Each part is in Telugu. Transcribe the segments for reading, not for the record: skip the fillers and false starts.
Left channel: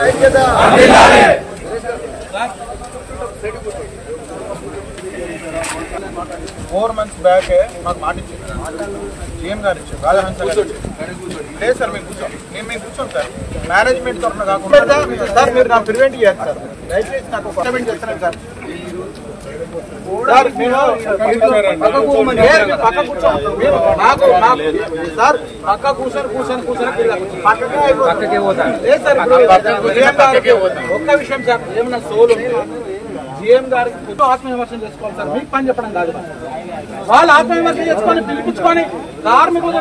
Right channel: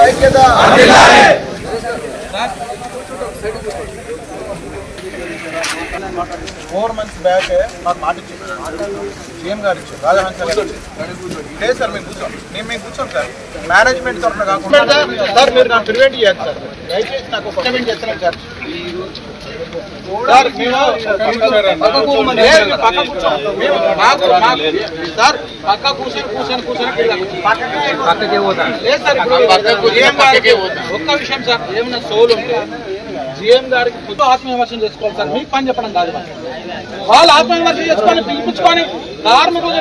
4 months బ్యాక్ మాకు మాట ఇచ్చింది సీఎం గారు ఇచ్చారు రాజహంస గారు లేదు సార్ మేము కూర్చోండి సార్ మేనేజ్మెంట్ తరఫున కాకుండా సార్ మీరు నాకు ప్రివెంట్ చేయదు సార్ దయచేసి నాకు ఒక ప్రివెంట్ చేస్తున్నాను సార్ సార్ పక్క కూర్చొని ఒక్క విషయం సార్ ఏమన్నా సోల్ ఉంటే జీఎం గారికి ఆత్మవిమర్శన చేసుకోవాలి సార్ మీకు పని చెప్పడం కాదు వాళ్ళు ఆత్మవిమర్శన చేసుకొని పిలిపించుకొని కార్మికులు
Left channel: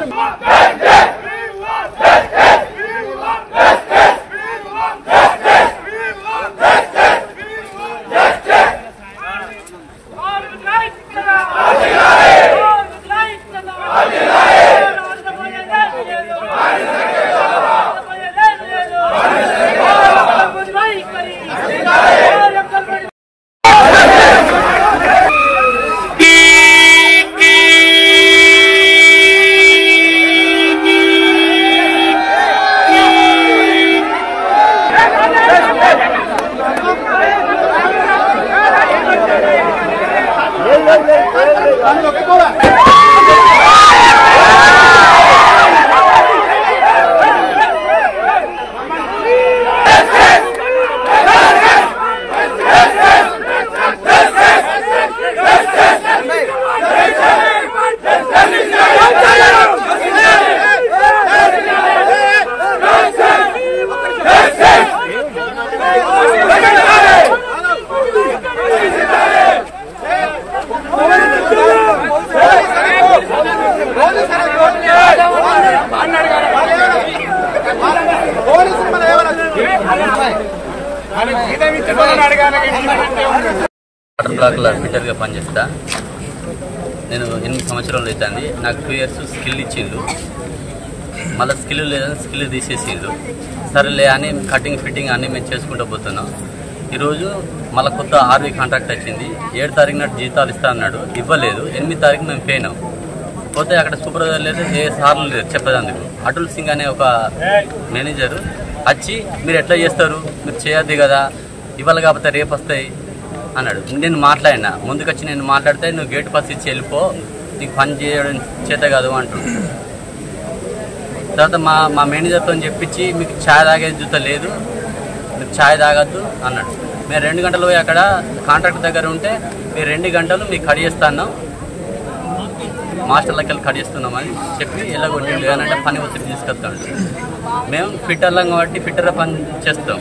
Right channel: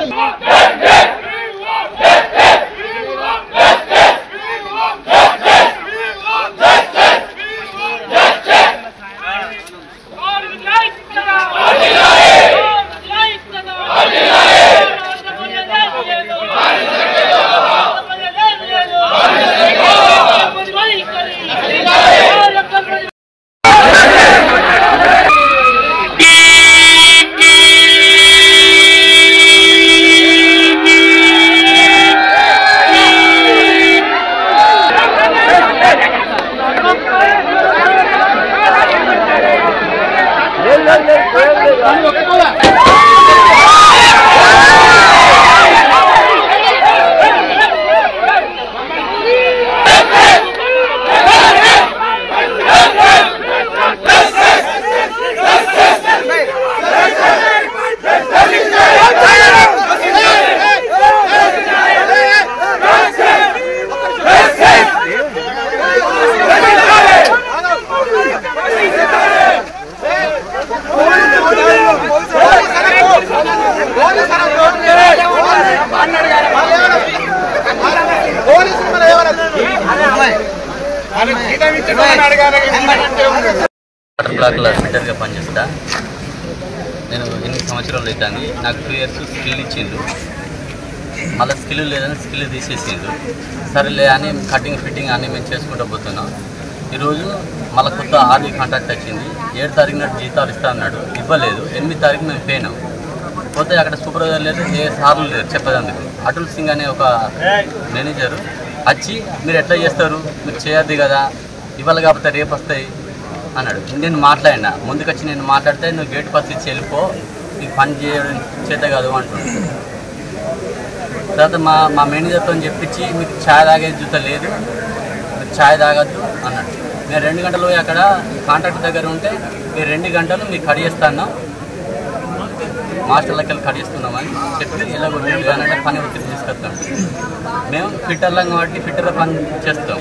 వాటర్ బ్లాక్లో ఫిట్టర్గా పనిచేస్తా. నేను 8 సంవత్సరాలు అవుతుంది. నాకు 2 years స్కిల్ ఇచ్చిండు. మళ్ళీ స్కిల్ లేదని స్కిల్ తీసేసిండు. సరేలే అని కటింగ్ ఫిట్టింగ్ అన్నీ మేము చేసుకుంటూ పోతున్నాం. ఈరోజు మళ్ళీ కొత్త ఆర్డీ కాంట్రాక్ట్ వచ్చింది. 7 తారీఖు నాడు జీతాలు ఇస్తా అన్నాడు, ఇవ్వలేదు. 8 తారీఖు మేము పోయినాం. పోతే అక్కడ సూపర్వైజర్ లేదు, ఏ సార్లు లేరు చెప్పేందుకు. అటుల్ సింగ్ అనే ఒక మేనేజర్ వచ్చి మీరు ఎట్లా చేస్తారు, మీరు చేయొద్దు కదా, ఇవాళ కాకపోతే రేపు వస్తాయి అన్నాడు. నేను మాట్లాడినా, ముందుకొచ్చి నేను మాట్లాడితే నువ్వు గేట్ పాస్ ఇచ్చి వెళ్ళిపో, నీకు పని చేయడం చేత కాదు అంటున్నాడు. తర్వాత మా మేనేజర్తో చెప్పించి మీకు ఛాయ్ తాగేది జూత లేదు, మీరు ఛాయ్ తాగద్దు అన్నాడు. మేము 2 గంటలు పోయి అక్కడ కాంట్రాక్ట్ దగ్గర ఉంటే మీరు 2 గంటలు మీకు కడిగేస్తాను, మాస్టర్లకి వెళ్ళి కడిగిస్తున్నామని చెప్పి ఎలాగొట్టి ఏనంటే పని ఒత్తిడి తీసుకొస్తాడు. మేము ఫిట్టర్లం కాబట్టి ఫిట్టర్ల పని చేస్తాం.